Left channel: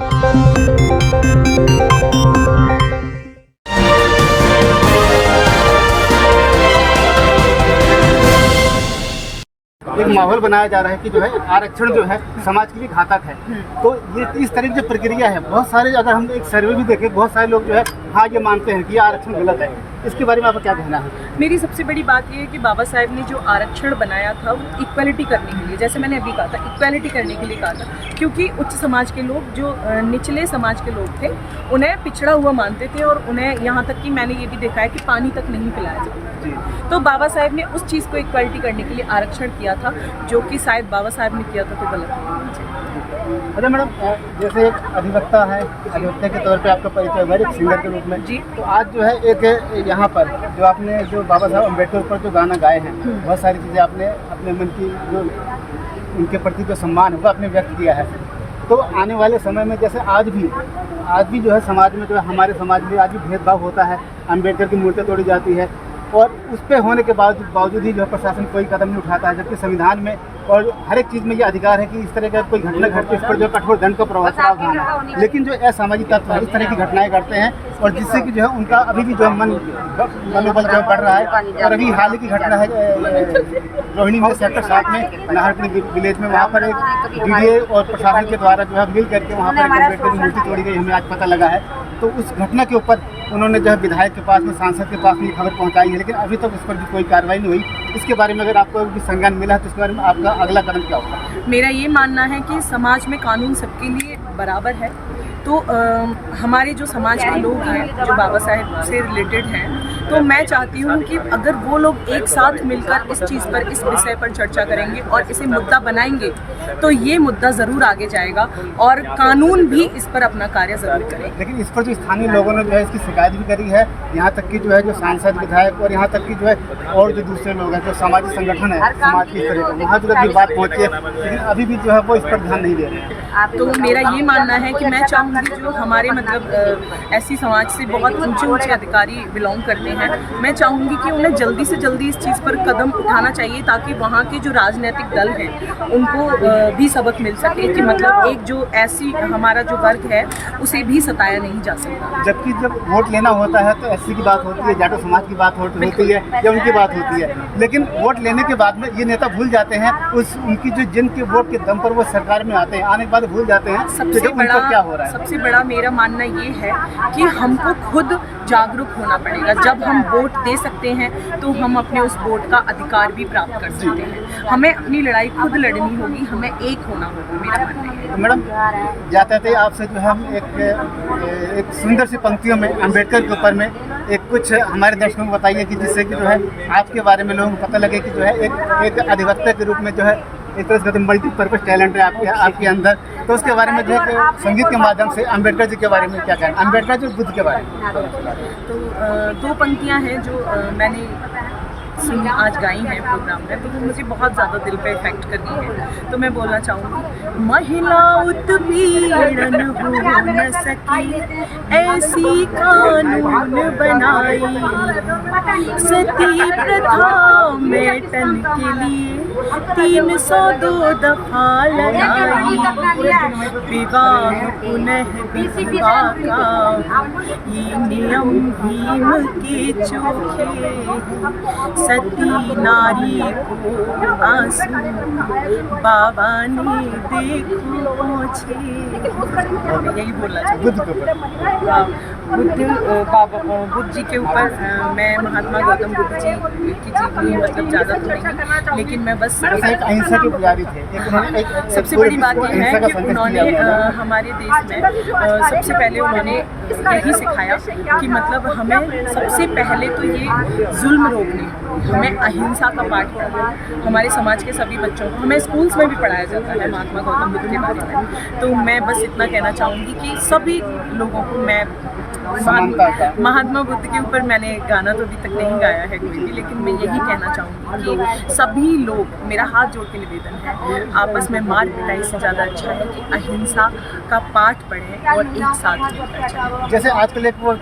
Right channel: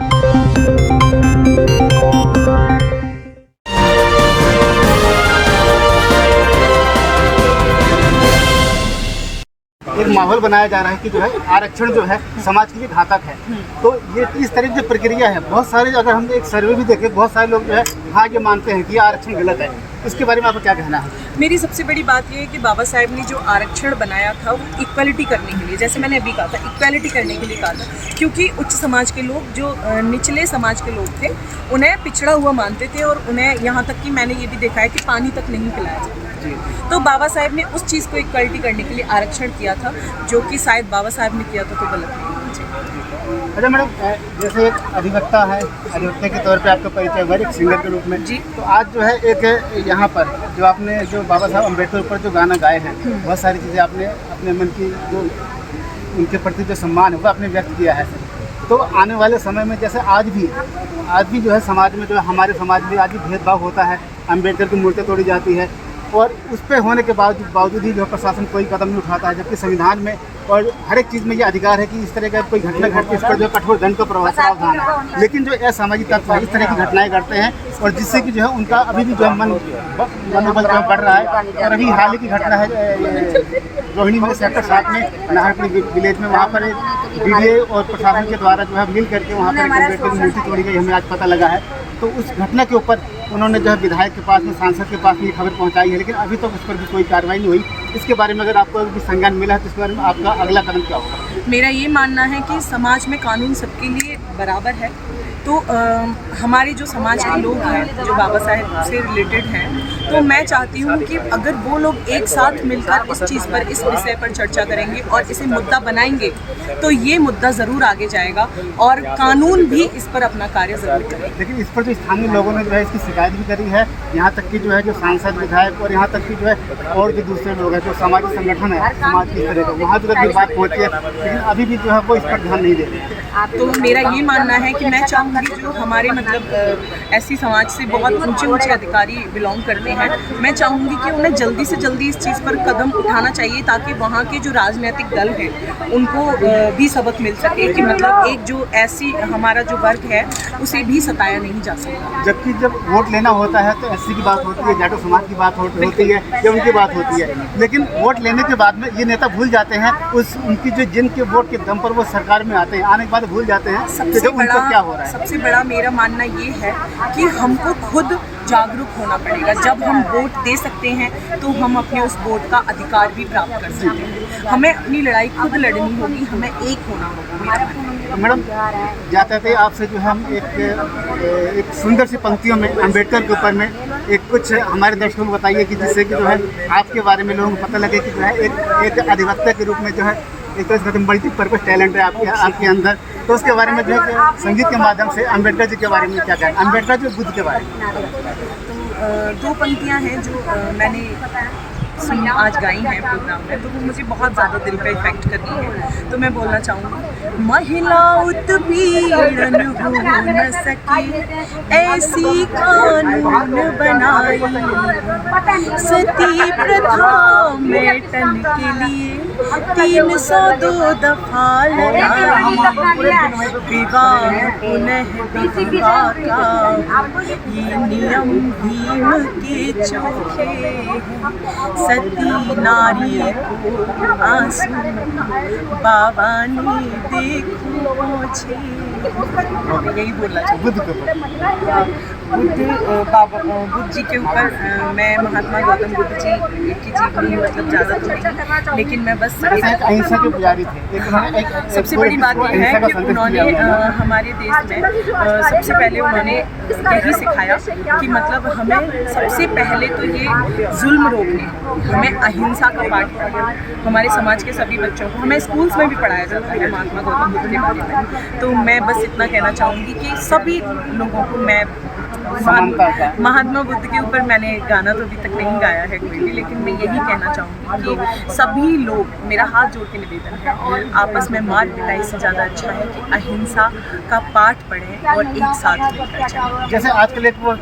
एक माहौल बनाया जा रहा है कि जो है आरक्षण जो है समाज के लिए घातक है। तो ये इस तरह की जो प्रक्रिया है, बहुत सारे अगर हम एक सर्वे भी देखें, बहुत सारे लोग जो है हाँ ये मानते हैं कि आरक्षण गलत है। इसके बारे में आपका क्या कहना है? मेरी सबसे बड़ी बात ये है कि बाबा साहेब ने जो आरक्षण बनाया था वो इक्वालिटी करने के लिए, जैसे मैंने अभी कहा था, इक्वालिटी करने के लिए कहा था, क्योंकि उच्च समाज के लोग जो निचले समाज के लोग थे उन्हें पिछड़ा हुआ मानते थे और उन्हें यहाँ तक कि मैंने ये भी देखा है कि पानी तक नहीं पिलाया जाता। तो बाबा साहेब ने उस चीज़ को इक्वालिटी करने के लिए आरक्षण किया था, जो कि शायद बाबा साहेब ने किया था तो गलत नहीं होना चाहिए। अच्छा मैडम, जैसे एक अधिवक्ता है, अधिवक्ता के तौर पे आपका परिचय हुआ एक सिंगर के रूप में जी। तो आज जो है एक यहाँ पर जो आपने जो बाबा साहब अम्बेडकर पर जो गाना गाए हैं, बहुत सारी चीज़ें आपने अपने मन की जो उनके प्रति जो सम्मान है वो आपने व्यक्त किया है। तो आने वाले समय में जैसे आज भी जो है समाज में जो है हमारे समाज में आज भी भेदभाव होता है, अम्बेडकर की मूर्ति तोड़ी जाती है और उस पर होने के बावजूद ही जो है प्रशासन कोई कदम नहीं उठाता है, जबकि संविधान में और हर एक चीज़ में ये अधिकार है कि इस तरह का कोई घटना घटती है इस पर जो कठोर दंड का प्रावधान है। लेकिन जो असामाजिक तत्व है इस तरह की घटनाएं करते हैं और जिससे कि जो है उनका अभी भी जो है मनोबल जो बढ़ रहा है। और अभी हाल ही की घटना है रोहिणी में सेक्टर 7 में नाहरपुर विलेज में, वहाँ पर एक डीडीए और प्रशासन के द्वारा जो है मिल करके वहाँ पर एक अम्बेडकर की मूर्ति तोड़ी गई, हमें आज पता लगा है। तो उस घटना के ऊपर उन्होंने जो है विधायक के पास में, सांसद के पास में ये खबर पहुंचाई है, लेकिन अभी तक उस पर भी कोई कार्रवाई नहीं हुई। इसके बारे में अगर आपको भी संज्ञान मिला है तो इसके बारे में आपका अगला कदम क्या होगा? मेरा ये मानना है कि समाज में कानून सबके लिए बराबर है। तो हमारे जो समाज के लोग हैं जो बाबा साहेब से रिलेटेड हैं, तो मैं चाहती हूँ कि अगर वो लोग एक साथ मिलकर इस चीज़ पर, इस विषय पर चर्चा करेंगे और इसे मुद्दा बनाएंगे तो ये मुद्दा ज़रूर आगे जाएगा और कानून भी इस पर अपना कार्य ज़रूर करेगा। लेकिन इस पर जो स्थानीय लोगों ने जो है इसकी शिकायत भी करी है, यहाँ तक कि जो है जो सांसद, विधायक और यहाँ तक कि जो है और भी दूसरे लोग हैं जो सामाजिक संगठन है समाज की तरह का, वहाँ जो भी बात पहुँची है, लेकिन अभी भी जो है वो इस पर ध्यान नहीं दे रहे हैं। तो मेरा ये मानना है कि मैं चाहूँगी जो हमारे मतलब ऐसी समाज से बहुत ऊंचे अधिकारी बिलोंग करते हैं, मैं चाहूँगी कि उन्हें जल्दी से जल्दी इस चीज़ पर कदम उठाना चाहिए ताकि वहाँ के जो राजनीतिक दल हैं उनको भी सबक मिल सके कि मतलब एक जो ऐसी हमारा जो वर्ग है उसे भी सताया नहीं जा सकता। जबकि जब वोट लेना होता है तो एससी की बात होती है, जाटो समाज की बात होती है या उनकी बात होती है, लेकिन वोट लेने के बाद में ये नेता भूल जाते हैं उनकी जो जिनके वोट के दम पर वो सरकार में आते हैं, आने के बाद भूल जाते हैं क्या हो रहा है। सबसे बड़ा मेरा मानना ये है कि हमको खुद जागरूक होना पड़ेगा। जब हम वोट दे सकते हैं तो हम अपने उस वोट का अधिकार भी प्राप्त कर सकते हैं। हमें अपनी लड़ाई खुद लड़नी होगी, हमें एक होना होगा, मेरा मानना है। तो मैडम जाते थे आपसे जो है हम एक सुंदर सी पंक्तियों में अम्बेडकर के ऊपर में एक कुछ हमारे दर्शकों को बताइए कि जिससे कि जो है आपके बारे में लोगों को पता लगे कि जो है एक अधिवक्ता के रूप में जो है एक तरह से मल्टीपर्पज़ टैलेंट है आपके अंदर। तो उसके बारे में जो है संगीत के माध्यम से अम्बेडकर जी के बारे में क्या कहना, अम्बेडकर जी बुद्ध के बारे में? तो दो पंक्तियां हैं जो मैंने सुनी आज गाई हैं प्रोग्राम में, तो वो मुझे बहुत ज़्यादा दिल पे इफेक्ट कर गई है। तो मैं बोलना चाहूँगी, महिला उत्पीड़न हो न सके ऐसी कानून बनाई, सती प्रथा मेटन के लिए 302 दफा लड़ाई, विवाह पुनः विवाह का ये नियम भीम के चोखे हैं, सती नारी को आंसू बाबा ने देखो पहुँचे। यही बोलना चाहिए बुद्ध जी के ऊपर। मैं महात्मा गौतम बुद्ध जी की जीवनी मतलब ज़्यादा तो नहीं, लेकिन मैं बस अहिंसा के पुजारी थे। सबसे बड़ी बात यह है कि उन्होंने हमारे देश में सबसे पहले उन्होंने यही सिखाया कि मतलब हमें सबसे पहले तो ये जुल्म रोकने, हमें अहिंसा का पाठ पढ़ाना। हमारे समाज के सभी बच्चों को हमें स्कूल्स में भी पढ़ाया जाता है महात्मा गौतम बुद्ध के बारे में। तो मैं बस इतना कहना चाहूँगी कि सभी लोगों को मैं समानता का। महात्मा बुद्ध के ऊपर मैंने गाना तो अभी तक नहीं गाया है कोई भी, लेकिन मैं यही कहना चाहूँगी कि सभी लोग, मेरा हाथ जोड़ के निवेदन है, आपस में मार पिटाई से ज़्यादा अच्छा है कि अहिंसा का पाठ पढ़ें और एक साथ मिलकर चलें। जैसे आजकल एक वो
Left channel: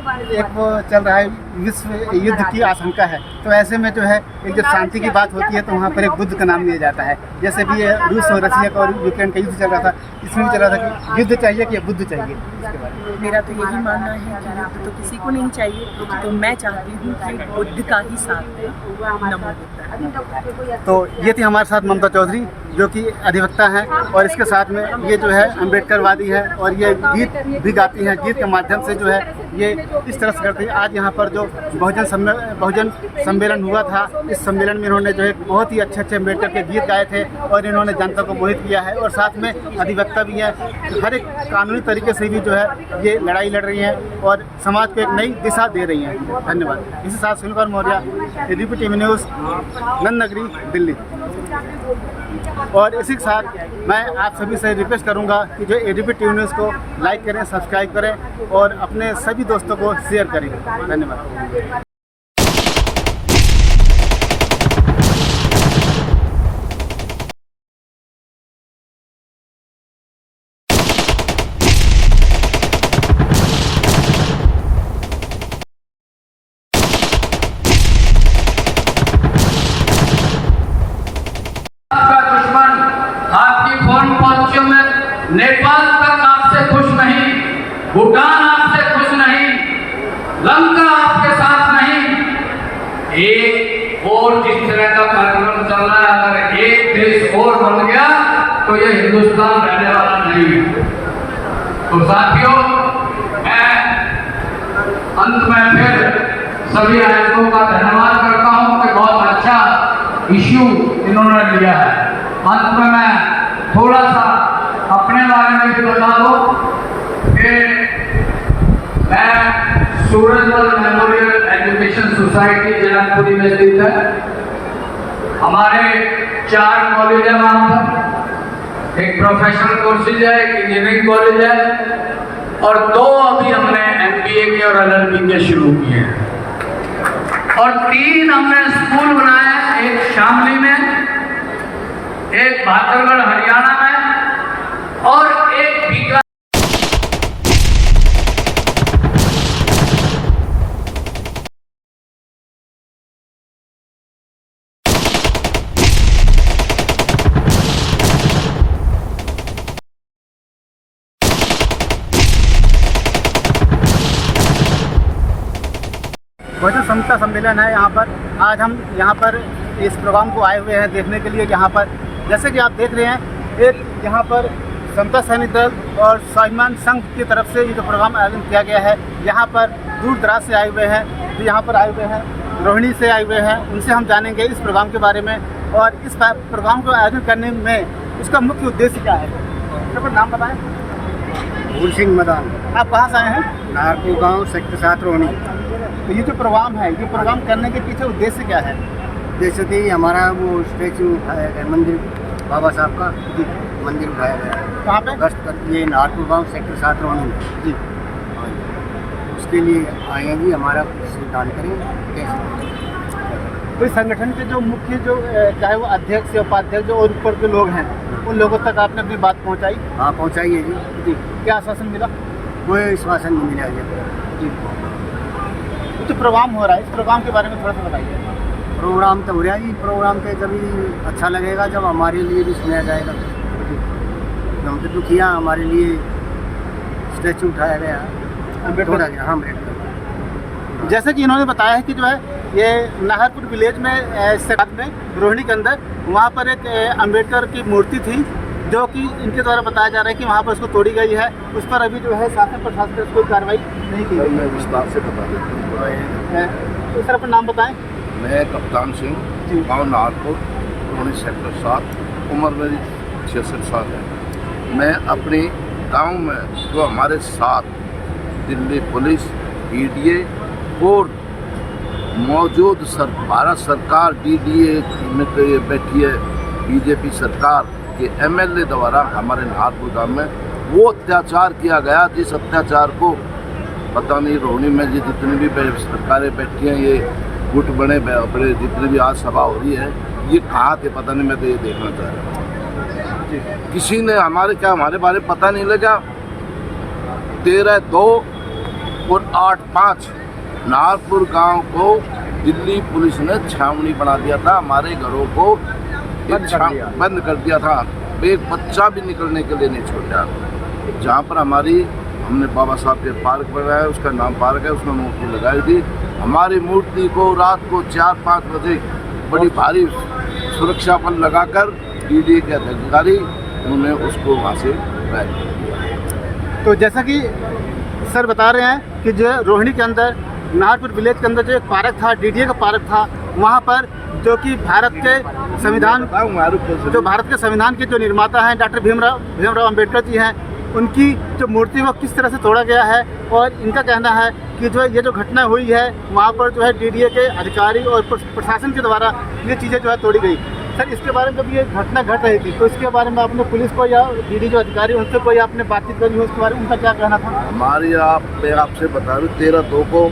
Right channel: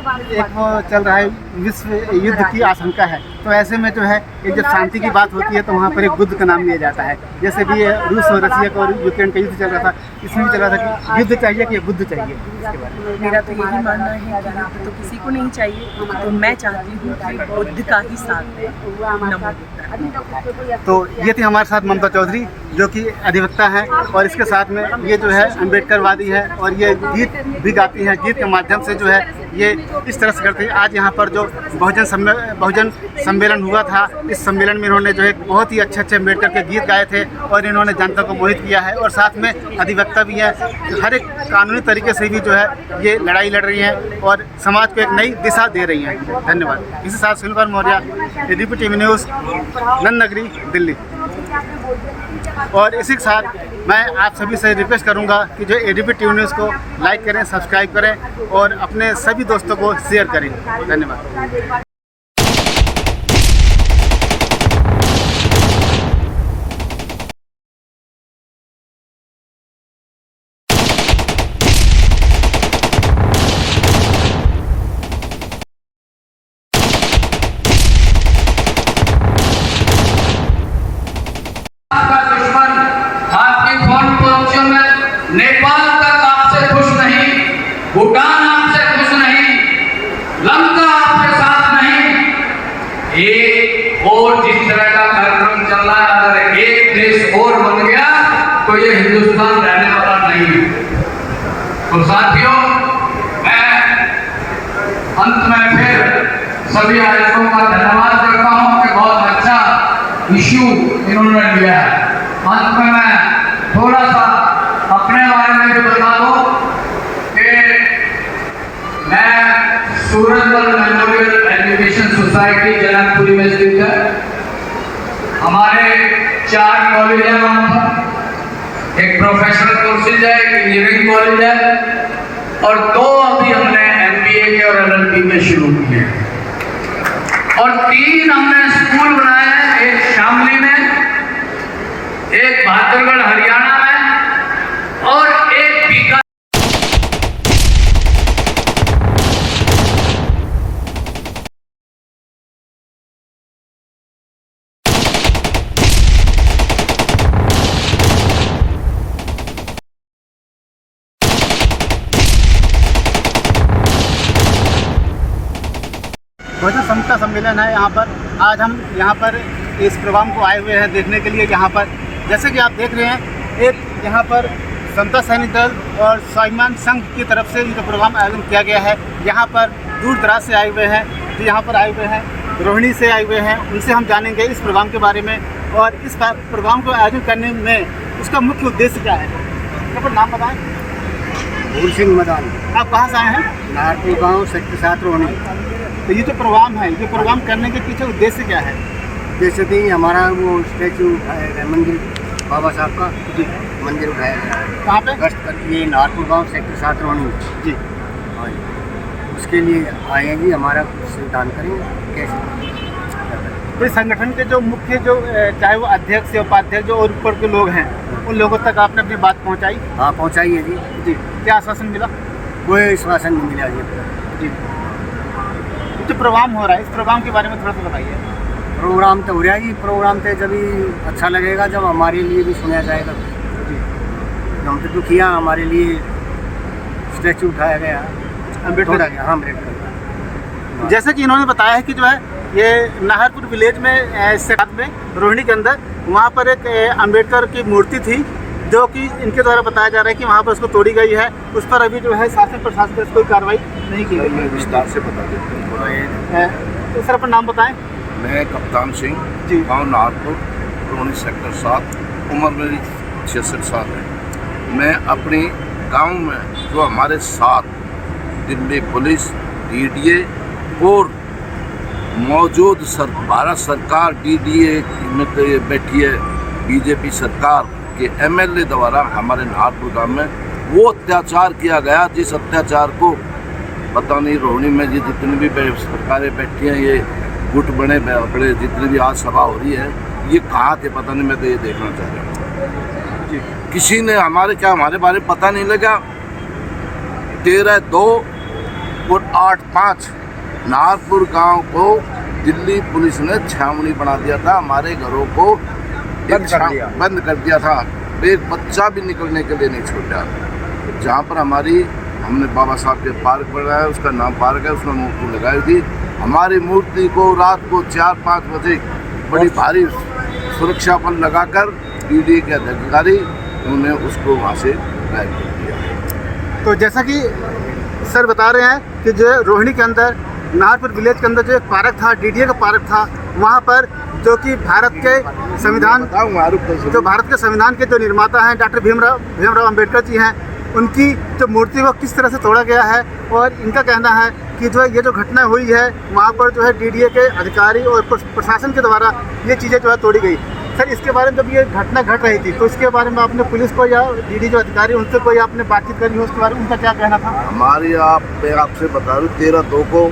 चल रहा है, विश्व युद्ध की आशंका है, तो ऐसे में जो है एक जब शांति की बात होती है तो वहाँ पर एक बुद्ध का नाम लिया जाता है। जैसे भी रूस और रसिया का और यूक्रेन का युद्ध चल रहा था, इसमें भी चल रहा था कि युद्ध चाहिए कि बुद्ध चाहिए। इसके बारे में मेरा तो यही मानना है कि युद्ध तो किसी को नहीं चाहिए, तो मैं चाहती हूँ कि बुद्ध का ही साथ दें। नमो बुद्धाय। तो ये थी हमारे साथ ममता चौधरी, जो कि अधिवक्ता हैं, और इसके साथ में ये जो है अम्बेडकरवादी है, और ये गीत भी गाती हैं। गीत के माध्यम से जो है ये इस तरह से करती है। आज यहाँ पर जो बहुजन सम्मेलन हुआ था, इस सम्मेलन में इन्होंने जो है बहुत ही अच्छे अम्बेडकर के गीत गाए थे और इन्होंने जनता को मोहित किया है, और साथ में अधिवक्ता भी है। हर एक कानूनी तरीके से भी जो है ये लड़ाई लड़ रही हैं और समाज को एक नई दिशा दे रही हैं। धन्यवाद। इसी साथ Sunil Kumar Maurya, ABP TV news, Nand Nagri, Delhi. और इसी के साथ मैं आप सभी से रिक्वेस्ट करूंगा कि जो एबीपी टीवी न्यूज़ को लाइक करें, सब्सक्राइब करें और अपने सभी दोस्तों को शेयर करें। धन्यवाद। नेपाल तक आपसे खुश नहीं, भूटान आपसे खुश नहीं, लंका आपके साथ नहीं। एक और जिस तरह का कार्यक्रम चल रहा है, अगर एक देश और बन गया तो ये हिंदुस्तान रहने वाला नहीं है। तो साथियों, मैं अंत में फिर सभी आयोजकों का धन्यवाद करता हूँ कि बहुत अच्छा इश्यू इन्होंने लिया है। अंत में मैं थोड़ा सा अपने बारे में भी बता दूं कि मैं Surajmal memorial education society Janakpuri में स्थित है। हमारे 4 कॉलेज है वहाँ पर, एक प्रोफेशनल कोर्सेज है, एक इंजीनियरिंग कॉलेज है, और 2 अभी हमने MBA के और LLB के शुरू किए हैं, और 3 हमने स्कूल बनाए हैं, एक शामली में, एक बहादुरगढ़ हरियाणा में, और एक बीघा। बहुजन समता सम्मेलन है यहाँ पर। आज हम यहाँ पर इस प्रोग्राम को आए हुए हैं देखने के लिए। यहाँ पर जैसे कि आप देख रहे हैं, एक यहाँ पर समता सैनिक दल और स्वाभिमान संघ की तरफ से ये जो प्रोग्राम आयोजन किया गया है, यहाँ पर दूर दराज से आए हुए हैं, जो यहाँ पर आए हुए हैं, रोहिणी से आए हुए हैं। उनसे हम जानेंगे इस प्रोग्राम के बारे में और इस प्रोग्राम को आयोजन करने में उसका मुख्य उद्देश्य क्या है। तो नाम बताएं। भूल सिंह मदान। आप कहाँ से आए हैं? नारपुर गांव, सेक्टर 7 रोहिणी। तो ये जो प्रोग्राम है, ये प्रोग्राम करने के पीछे उद्देश्य क्या है? जैसे कि हमारा वो स्टैचू उठाया गया, मंदिर बाबा साहब का मंदिर उठाया गया है। कहाँ पे? गश्त कर ये नारपुर गांव, सेक्टर 7 रोहिणी जी। हाँ जी, उसके लिए आए हैं जी। हमारा कुछ दान करेंगे कैसे? तो इस संगठन के जो मुख्य चाहे वो अध्यक्ष या उपाध्यक्ष जो और ऊपर के लोग हैं, उन लोगों तक आपने अपनी बात पहुंचाई? हाँ, पहुंचाई है जी। जी। क्या आश्वासन मिला? कोई आश्वासन नहीं मिला जी अब तक। जी। जो प्रोग्राम हो रहा है, इस प्रोग्राम के बारे में थोड़ा सा बताइए। प्रोग्राम तो हो रहा है जी। प्रोग्राम तो जब ही अच्छा लगेगा जब हमारे लिए भी सुना जाएगा। हमने तो किया, हमारे लिए स्टैचू उठाया गया, अम्बेडकर। हाँ, अम्बेडकर। जैसे कि इन्होंने बताया है कि जो है ये नाहरपुर विलेज में साथ में रोहिणी के अंदर वहाँ पर एक अम्बेडकर की मूर्ति थी, जो कि इनके द्वारा बताया जा रहा है कि वहाँ पर उसको तोड़ी गई है। उस पर अभी जो है शासन प्रशासन से कोई कार्रवाई नहीं की गई है। विस्तार से बता देता हूँ। तो सर अपना नाम बताएं। मैं कप्तान सिंह, गाँव नाहरपुर, रोहिणी सेक्टर 7। उम्र मेरी 66 साल है। मैं अपने गांव में जो हमारे साथ दिल्ली पुलिस, DDA और मौजूद भारत सरकार DDA में बैठी है BJP सरकार के MLA द्वारा हमारे नाहरपुर गांव में वो अत्याचार किया गया, जिस अत्याचार को पता नहीं रोहिणी में ये जितनी भी सरकारें बैठी हैं, ये गुट बने बड़े जितनी भी आज सभा हो रही है, ये कहाँ थे पता नहीं। मैं तो ये देखना चाह रहा हूँ किसी ने हमारे बारे में पता नहीं लगा। 13/2 और 8/5 नाहरपुर गांव को दिल्ली पुलिस ने छावनी बना दिया था। हमारे घरों को बंद कर दिया था। एक बच्चा भी निकलने के लिए नहीं छोड़ा। जहाँ पर हमने बाबा साहब के पार्क बनाया, उसका नाम पार्क है, उसमें मूर्ति लगाई थी। हमारी मूर्ति को रात को 4-5 बजे बड़ी भारी सुरक्षा बल लगाकर डीडी के अधिकारी उन्होंने उसको वहाँ से गायब कर दिया। तो जैसा कि सर बता रहे हैं कि जो रोहिणी के अंदर नाहरपुर विलेज के अंदर जो एक पार्क था, डीडीए का पार्क था, वहाँ पर जो कि भारत के संविधान के जो निर्माता हैं डॉक्टर भीमराव अंबेडकर जी हैं, उनकी जो मूर्ति को किस तरह से तोड़ा गया है। और इनका कहना है कि जो ये जो घटना हुई है वहाँ पर जो है डीडीए के अधिकारी और प्रशासन के द्वारा ये चीज़ें जो है तोड़ी गई। सर, इसके बारे में जब ये घटना घट रही थी तो इसके बारे में आपने पुलिस को या डीडी जो अधिकारी उनसे कोई आपने बातचीत करी हो, उसके बारे में उनका क्या कहना था? मैं आपसे बता रहा हूँ 13/2 को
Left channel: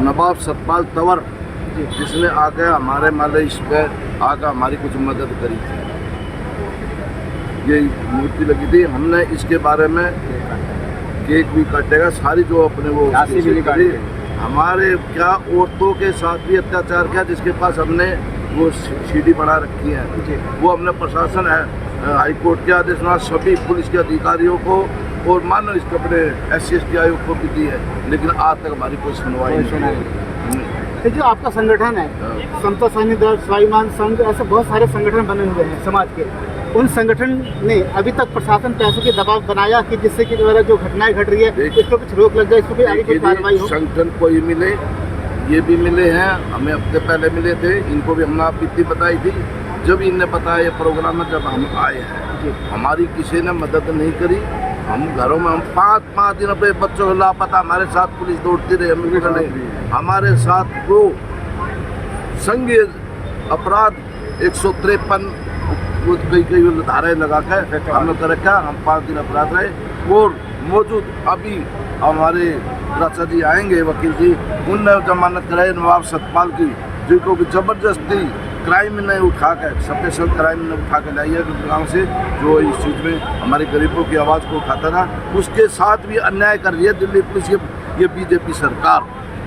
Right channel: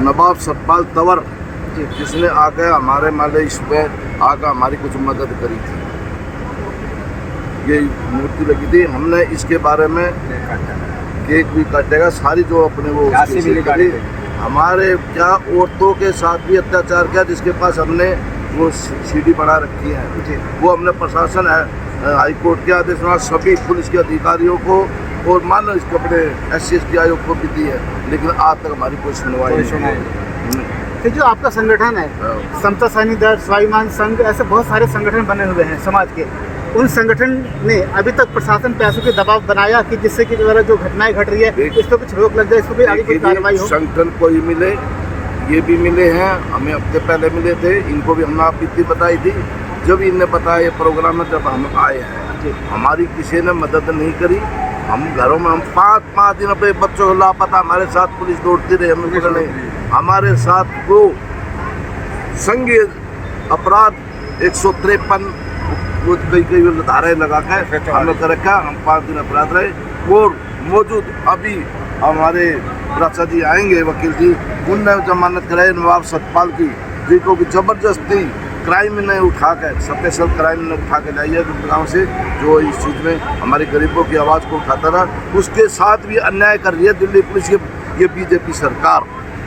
नवाब सतपाल तंवर जिसने आकर हमारे माले इस पे आकर हमारी कुछ मदद करी थी। ये मूर्ति लगी थी। हमने इसके बारे में केक भी काटेगा, सारी जो अपने वो करी। हमारे क्या औरतों के साथ भी अत्याचार किया, जिसके पास हमने वो सीडी बना रखी है। वो हमने प्रशासन हाई कोर्ट के आदेश में सभी पुलिस के अधिकारियों को और मानो इसके अपने SC/ST आयोग को भी दी है, लेकिन आज तक हमारी कोई सुनवाई नहीं। तो जो आपका संगठन है समता सैनिक दल, स्वाभिमान संघ, ऐसे बहुत सारे संगठन बने हुए हैं समाज के, उन संगठन ने अभी तक प्रशासन पे ऐसे दबाव बनाया कि जिससे कि जो घटनाएं घट रही है इस पर कुछ रोक लग जाए, इस पर कोई आगे कोई कार्रवाई हो? संगठन को ही मिले, ये भी मिले हैं, हमें हफ्ते पहले मिले थे। इनको भी हमने बीती बताई थी। जब इन्हें बताया ये प्रोग्राम में, जब हम आए हैं, हमारी किसी ने मदद नहीं करी। हम घरों में हम 5 दिन अपने बच्चों को लापता, हमारे साथ पुलिस दौड़ती रही। हमारे साथ वो संघीय अपराध 153 वो कई धाराएं लगा के हमने कर रखा। हम 5 दिन अपराध रहे और मौजूद अभी हमारे राजा जी आएंगे, वकील जी, उनने जमानत कराई नवाब सतपाल की, जिनको भी जबरदस्ती क्राइम ने उठा कर, स्पेशल क्राइम ने उठा कर लाई है गाँव से, जो इस चीज़ में हमारे गरीबों की आवाज़ को उठाता था। उसके साथ भी अन्याय कर रही है दिल्ली पुलिस, ये बीजेपी सरकार।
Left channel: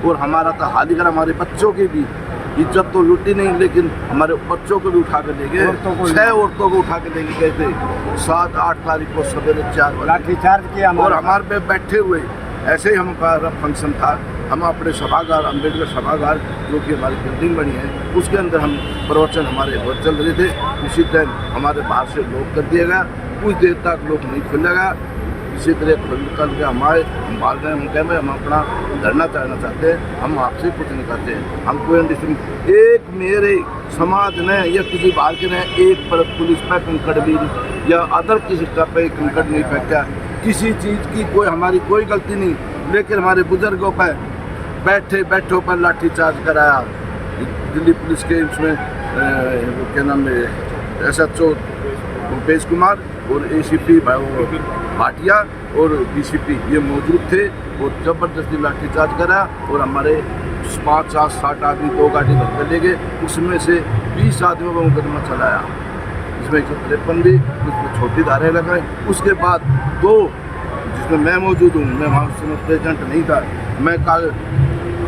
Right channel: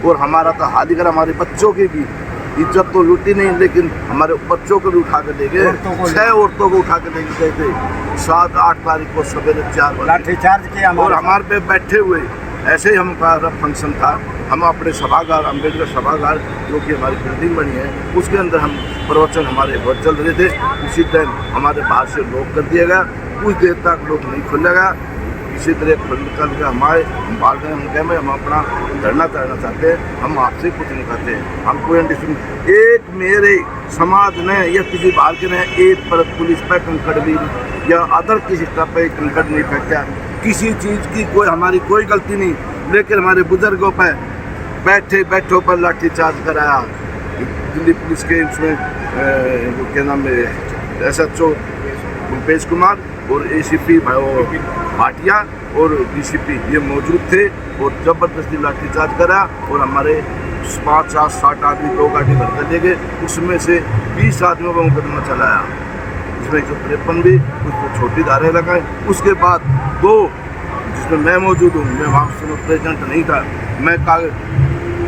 और हमारा तो हाल ही कर हमारे बच्चों की भी इज्जत तो लूटी नहीं, लेकिन हमारे बच्चों को भी उठा कर ले गए। 6 औरतों को उठा कर लेके गए थे। 7-8 तारीख को सवेरे 4 बजे लाठीचार्ज किया और हमारे पे बैठे हुए। ऐसे ही हमारा फंक्शन था। हम अपने सभागार, अम्बेडकर सभागार जो कि हमारी बिल्डिंग बनी है, उसके अंदर हम प्रवचन हमारे बहुत चल रहे थे। उसी टाइम हमारे बाहर से लॉक कर दिया गया। कुछ देर तक लॉक नहीं खुलेगा। इसी तरह खुल कर के हम बाहर गए। हम कहे हम अपना धरना करना चाहते हैं, हम आपसे कुछ नहीं करते। हम कोई एक मेरे समाज ने या किसी बाहर के ने एक पर पुलिस पर कंकड़ भी या अदर किसी स्टाफ पर कंकड़ नहीं फेंका। किसी चीज़ की हमारी कोई गलती नहीं, लेकिन हमारे बुजुर्गों पर बैठों पर लाठीचार्ज कराया। दिल्ली पुलिस के उसमें क्या नाम है SHO भूपेश कुमार और ACP भाटिया और DCP ये मौजूद थे और ज़बरदस्ती लाठीचार्ज करा और हमारे 5-7 आदमी 2 गाड़ी भर ले गए। उसमें से 20 आदमियों का मुकदमा चलाया, इसमें 153 भी, उसमें छोटी धारें लगाएं। उसके बाद 2 जिसमें मैं मौजूद हूँ, मैं वहाँ से प्रेजेंट नहीं था, मैं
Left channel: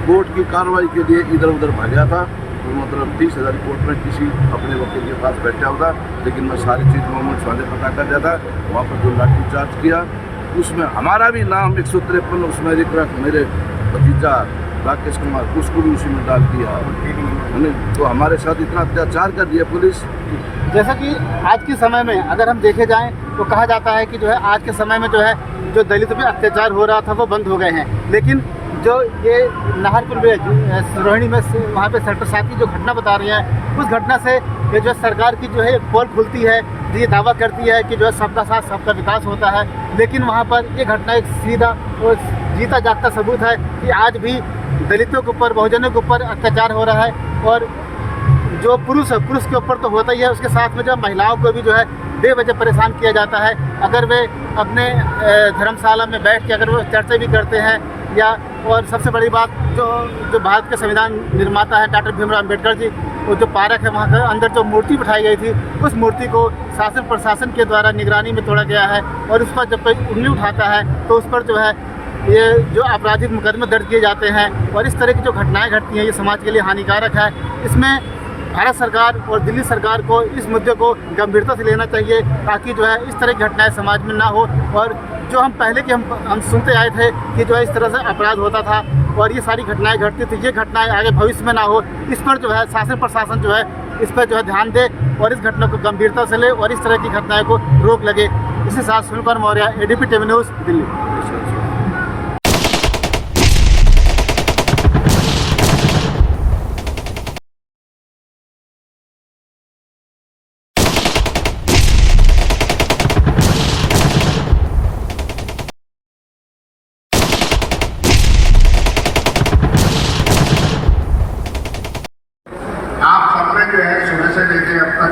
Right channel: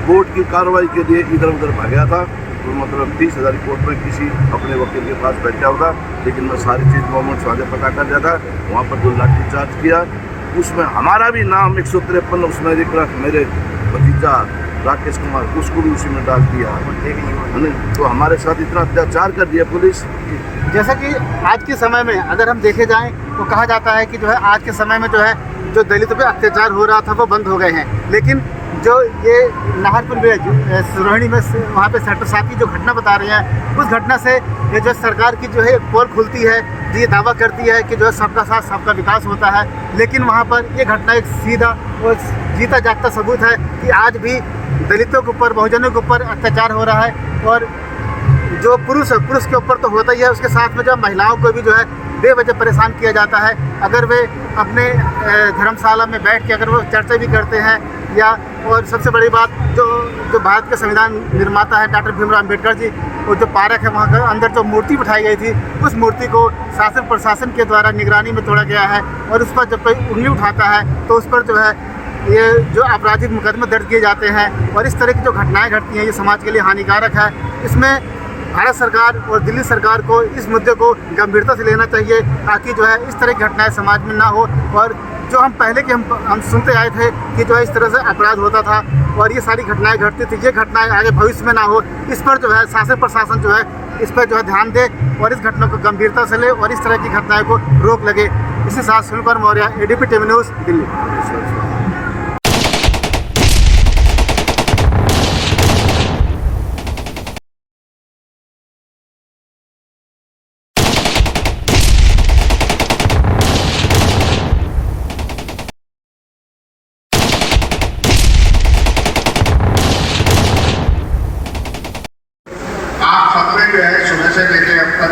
कोर्ट की कार्रवाई के लिए इधर उधर भागा था। तो मतलब 30,000 कोर्ट में किसी अपने वकील के पास बैठा हुआ था, लेकिन मैं सारी चीज़ मोहम्मद स्वादे पता कर दिया था। वहाँ पर जो लाठीचार्ज किया उसमें हमारा भी नाम 153 उसमें मेरे भतीजा राकेश कुमार, उसको भी उसी में डाल दिया। तो हमारे साथ इतना अत्याचार कर दिया पुलिस। जैसा कि आज के समय में अगर हम देखे जाएं तो कहा जाता है कि जो है आज के समय में जो है जो दलितों पे अत्याचार हो रहा था वो बंद हो गए हैं, लेकिन जो ये नाहरपुर में रोहिणी में वहाँ पे सेक्टर 7 की जो घटना बता रही है, उस घटना से ये जो सरकार की जो है पोल खुलती है, जो ये दावा करती है कि जो है सबका साथ सबका विकास होता है, लेकिन वहाँ पर ये घटना एक सीधा और जीता जागता सबूत है कि आज भी दलितों के ऊपर, बहुजनों के ऊपर अत्याचार हो रहा है। और जो पुरुष के ऊपर तो होता ही है, उसके साथ में जो महिलाओं को भी जो है बेवजह परेशान किया जाता है। अगर वे अपने धर्मशाला में बैठ के अगर वो चर्चा भी करते हैं या और सबसे बड़ी बात जो भारत के संविधान निर्माता है डॉक्टर भीमराव अम्बेडकर जी, वो जो पार्क है वहाँ के अंदर जो मूर्ति बिठाई गई थी, उस मूर्ति को शासन प्रशासन के द्वारा निगरानी में तोड़ा गया है और उस पर जब कोई उंगली उठाता है तो उस पर जो है ये जो आपराधिक मुकदमे दर्ज किए जाते हैं और इस तरह की जो घटनाएं घटती हैं ये समाज के लिए हानिकारक है। इसमें भारत सरकार और दिल्ली सरकार को इस मुद्दे को गंभीरता से लेना चाहिए ताकि जो है इस तरह की घटनाएं समाज में ना हो। और जो हम पहले के हम सुनते आए थे कि जो है इस तरह से अपराध होता था और ये सारी घटनाएं घटती थी, ये घटनाएं आगे भविष्य में ना हो, इस पर जो है शासन प्रशासन जो है इस पर जो है ध्यान दे और इस घटना को गंभीरता से ले और इस तरह की घटनाएं को रोक लगे। इसके साथ Sunil Kumar Maurya, ADP TV news, Delhi. आप सबने जो है सुबह से लेकर अब तक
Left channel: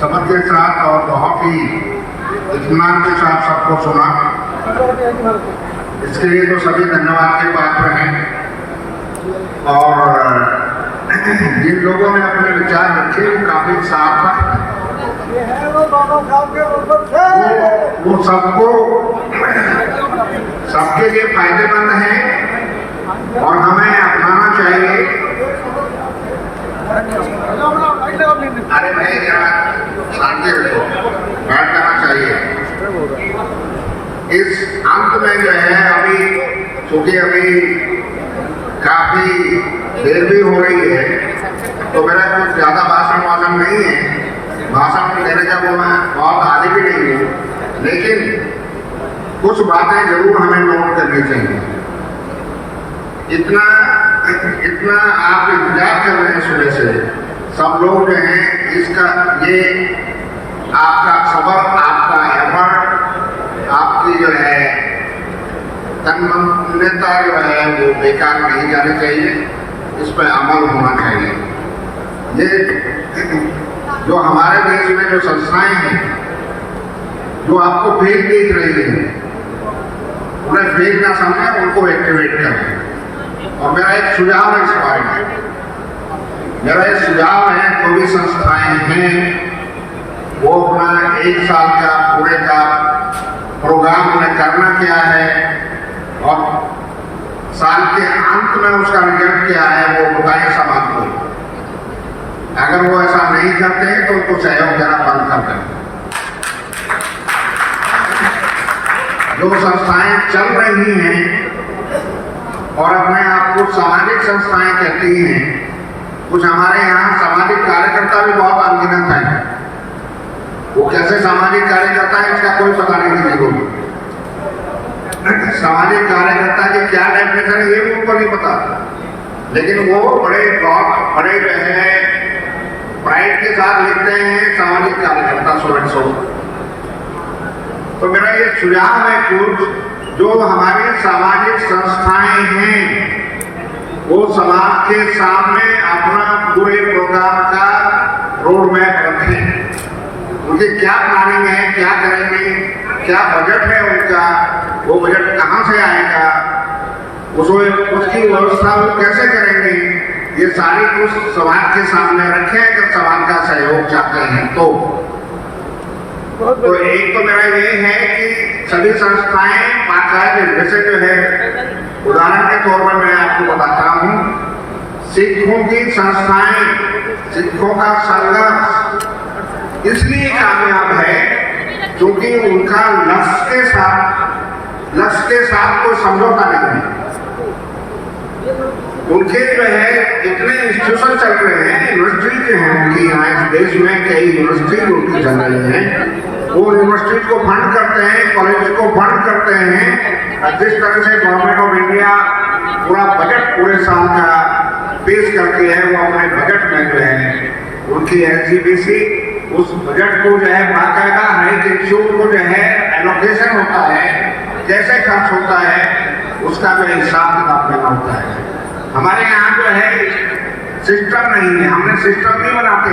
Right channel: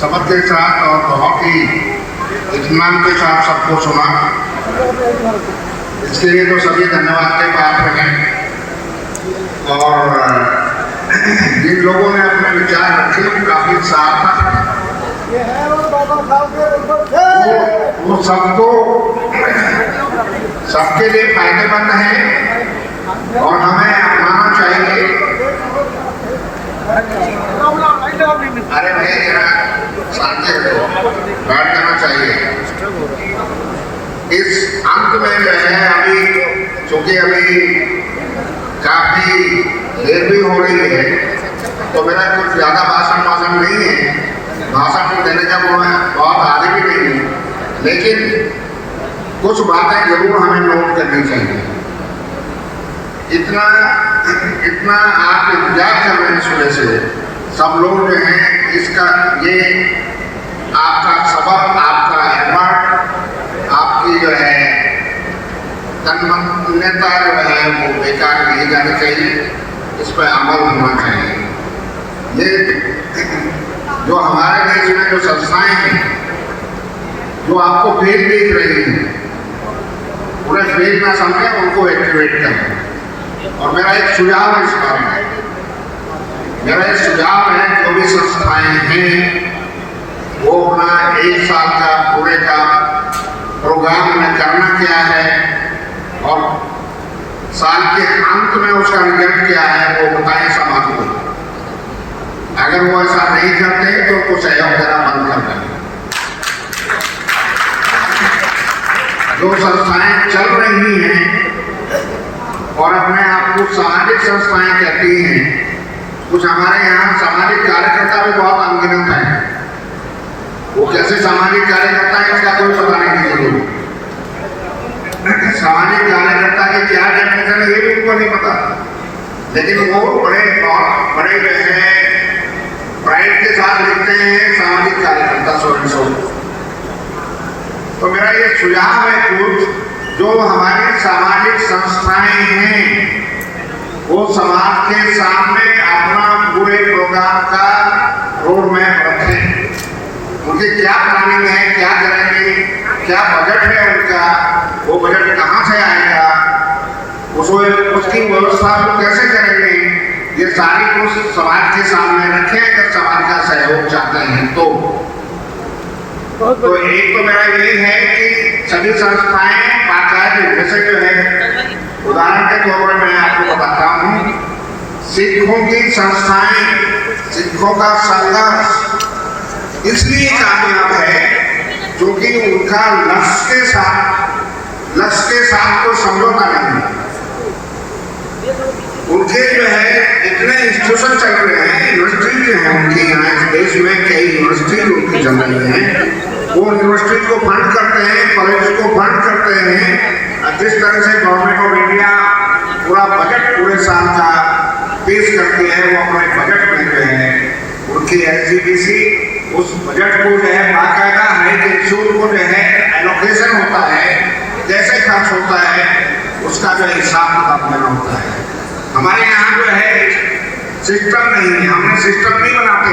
सबक के साथ और बहुत ही इत्मीनान के साथ सबको सुना, इसके लिए तो सभी धन्यवाद के पात्र हैं। और जिन लोगों ने अपने विचार रखे वो काफी साफ, वो सबको सबके लिए फायदेमंद है और हमें अपनाना चाहिए। अरे नहीं, जरा शांति रखो, बैठ जाना चाहिए। इस अंत में जो है अभी चूंकि अभी काफी देर भी हो रही है तो मेरा कुछ ज्यादा भाषण नहीं है, भाषण देने का मैं बहुत आगे भी नहीं हूँ, लेकिन कुछ बातें जरूर हमें नोट करनी चाहिए। इतना आप इंतजार कर रहे हैं सुबह से, सब लोग जो हैं इसका ये आपका सबक, आपका एफर्ट, आपकी जो है तन्मयता जो है वो बेकार नहीं जानी चाहिए, इस पर अमल होना चाहिए। ये जो हमारे देश में जो संस्थाएं हैं जो आपको फेल देख रही हैं, उन्हें फेल ना समझे, उनको एक्टिवेट करें। और मेरा एक सुझाव है इस बारे में, मेरा एक सुझाव है जो भी संस्थाएं हैं वो अपना 1 साल का पूरे का प्रोग्राम में करना क्या है और साल के अंत में उसका रिजल्ट क्या है वो बताएं समाज को। अगर वो ऐसा नहीं करते तो उनको सहयोग देना बंद कर दें। जो संस्थाएं चल रही हैं और अपने आप को सामाजिक संस्थाएं कहती हैं, कुछ हमारे यहाँ सामाजिक कार्यकर्ता भी बहुत अनगिनत हैं। वो कैसे सामाजिक कार्यकर्ता है इसका कोई पता नहीं जरूर। सामाजिक कार्यकर्ता के क्या डेफिनेशन है ये भी उनको नहीं पता, लेकिन वो बड़े जो है प्राइड के साथ लिखते हैं सामाजिक कार्यकर्ता सो। तो मेरा ये सुझाव है कुछ जो हमारी सामाजिक संस्थाएं हैं वो समाज के सामने अपना पूरे प्रोग्राम का रोड मैप रखें। उनकी क्या प्लानिंग है, क्या करेंगे, क्या बजट है उनका, वो बजट कहाँ से आएगा, उसकी व्यवस्था वो कैसे करेंगे, ये सारी कुछ समाज के सामने रखें अगर समाज का सहयोग चाहते हैं तो एक तो मेरा यही है कि सभी संस्थाएं बाकायदे, जैसे जो है उदाहरण के तौर पर मैं आपको बताता हूँ, सिखों की संस्थाएं, सिखों का संघर्ष इसलिए कामयाब है क्योंकि उनका लक्ष्य के साथ कोई समझौता नहीं है। उनके जो है इतने इंस्टीट्यूशन चल रहे हैं, यूनिवर्सिटी जो है उनकी यहाँ इस देश में कई यूनिवर्सिटी उनकी चल रही हैं, वो यूनिवर्सिटी को फंड करते हैं, कॉलेज को फंड करते हैं। जिस तरह से गवर्नमेंट ऑफ इंडिया पूरा बजट पूरे साल का पेश करती है, वो अपने बजट में जो है उनकी SGBC उस बजट को जो है बाकायदा हर एक इंस्टीट्यूट को जो है एलोकेशन होता है, कैसे खर्च होता है उसका जो हिसाब किताब देना होता है। हमारे यहाँ जो है सिस्टम नहीं है, हमने सिस्टम नहीं बनाते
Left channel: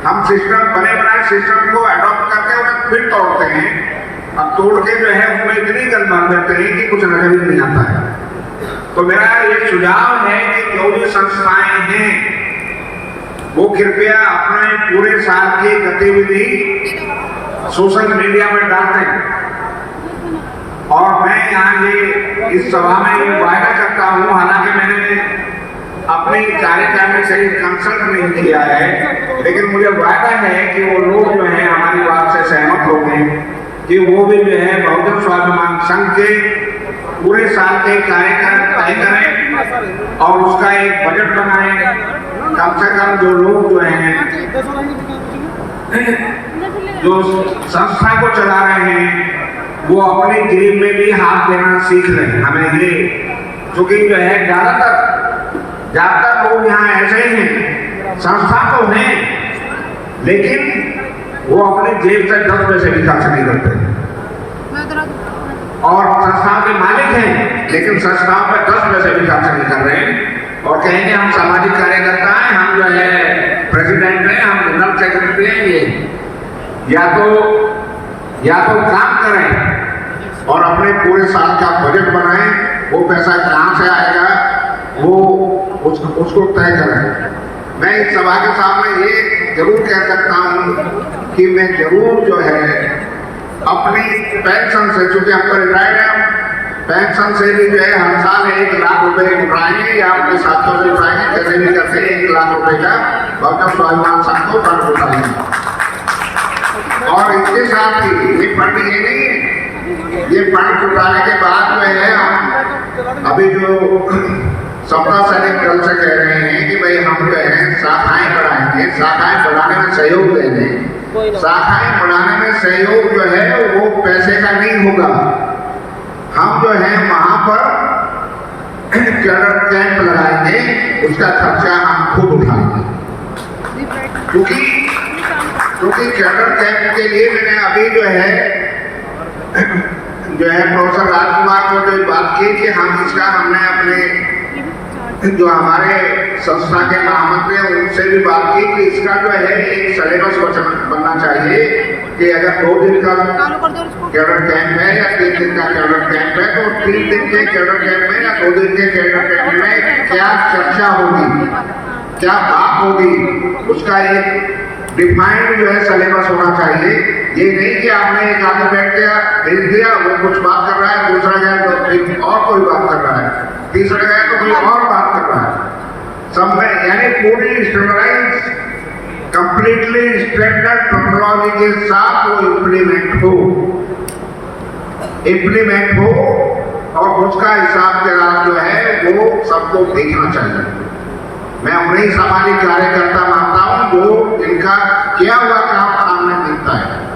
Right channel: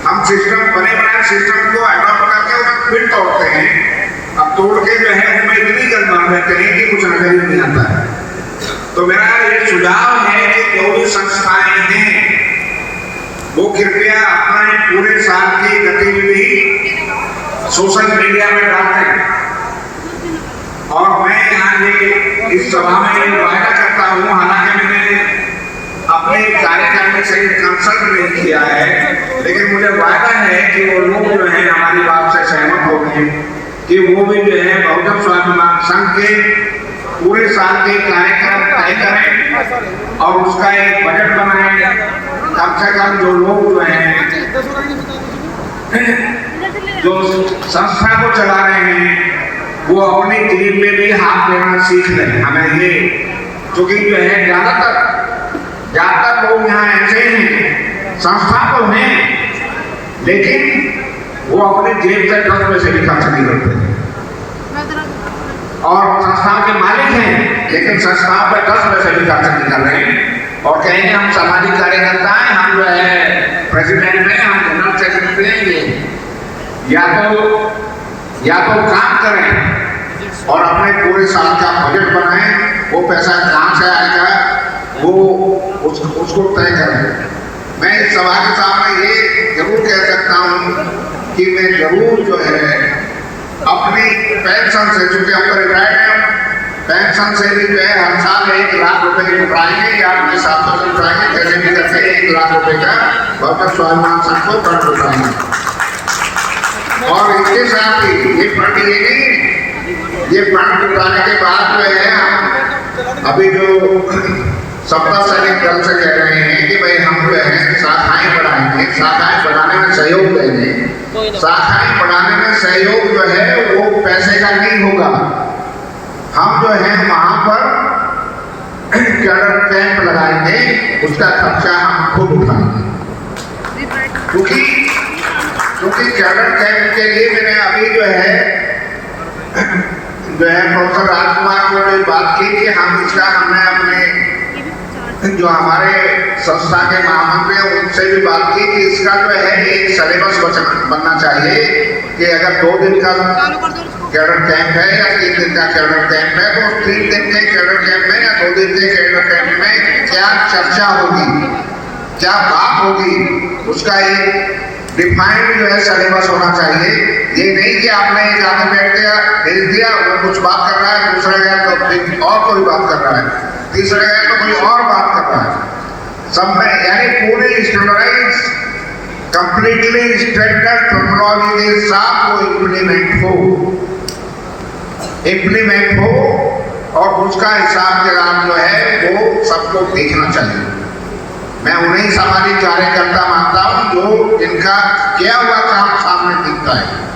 हम सिस्टम बने बनाए सिस्टम को अडॉप्ट करके उन्हें फिर तोड़ते हैं अब तोड़ के जो है उनमें इतनी गंद मार देते हैं कि कुछ नजर ही नहीं आता है। तो मेरा ये सुझाव है कि जो भी संस्थाएं हैं वो कृपया अपने पूरे साल की गतिविधि सोशल मीडिया में डालें। और मैं यहाँ ये इस सभा में वायदा करता हूँ, हालांकि मैंने अपने कार्यकारिणी से कंसल्ट नहीं किया है, लेकिन मुझे वायदा है कि वो लोग जो हैं हमारी बात से सहमत हो गए कि वो भी जो है बहुजन स्वाभिमान संघ के पूरे साल के कार्यक्रम तय करें और उसका एक बजट बनाएं। कम से कम जो लोग जो हैं जो संस्था को चला रहे हैं वो अपनी जेब में भी हाथ देना सीख लें। हमें ये क्योंकि जो है ज्यादातर लोग यहाँ ऐसे हैं, संस्था तो हैं लेकिन वो अपने जेब से 10 पैसे भी खर्च नहीं करते और संस्था के मालिक हैं लेकिन संस्था पे 10 पैसे भी खर्च नहीं कर रहे हैं और कहेंगे हम सामाजिक कार्यकर्ता हैं, हम जो है प्रेसिडेंट हैं, हम जनरल सेक्रेटरी हैं। ये या तो काम करें और अपने पूरे साल का बजट बनाएं, वो पैसा कहाँ से आएगा वो उसको तय करें। मैं इस सभा के सामने ये जरूर कह सकता हूँ कि मैं जरूर जो है अपनी पेंशन से, चूंकि हम तो रिटायर्ड हैं, पेंशन से भी जो है हर साल 1 लाख रुपए उठाएंगे या अपने साथों से उठाएंगे, कैसे भी करके 1 लाख रुपए का बहुजन स्वाभिमान संघ को फंड उठाएंगे। और इसके साथ ही ये फंड ये नहीं है, ये फंड उठाने के बाद जो है हम अभी जो सप्ताह सैनिक दल से कह रहे हैं कि भाई हम जो है शाखाएं बढ़ाएंगे, शाखाएं बढ़ाने में सहयोग देंगे। शाखाएं बढ़ाने में सहयोग जो है वो पैसे का नहीं होगा, हम जो है वहां पर कैडर कैंप लगाएंगे, उसका खर्चा हम खुद उठाएंगे। क्योंकि कैडर कैंप के लिए मैंने अभी जो है प्रोफेसर राजकुमार को जो बात की कि हम इसका हमने अपने जो हमारे संस्था के महामंत्री हैं उनसे भी बात की कि इसका जो है एक सिलेबस बनना चाहिए कि अगर 2 दिन का कैडर कैंप है या 3 दिन का कैडर कैंप है तो 3 दिन के कैडर कैंप में या 2 दिन के कैडर कैंप में क्या चर्चा होगी, क्या बात होगी, उसका एक डिफाइंड जो है सिलेबस होना चाहिए। ये नहीं कि आपने एक आगे बैठ गया भेज दिया, वो कुछ बात कर रहा है, दूसरा गया तो और कोई बात कर रहा है, तीसरा गया तो कोई और बात कर रहा है। सब में यानी पूरी स्टैंडर्डाइज कंप्लीटली स्टैंडर्ड टेक्नोलॉजी के साथ वो इम्प्लीमेंट हो और उसका हिसाब किताब जो है वो सबको देखना चाहिए। मैं उन्हीं सामाजिक कार्यकर्ता मानता हूं जो इनका किया हुआ काम सामने दिखता है।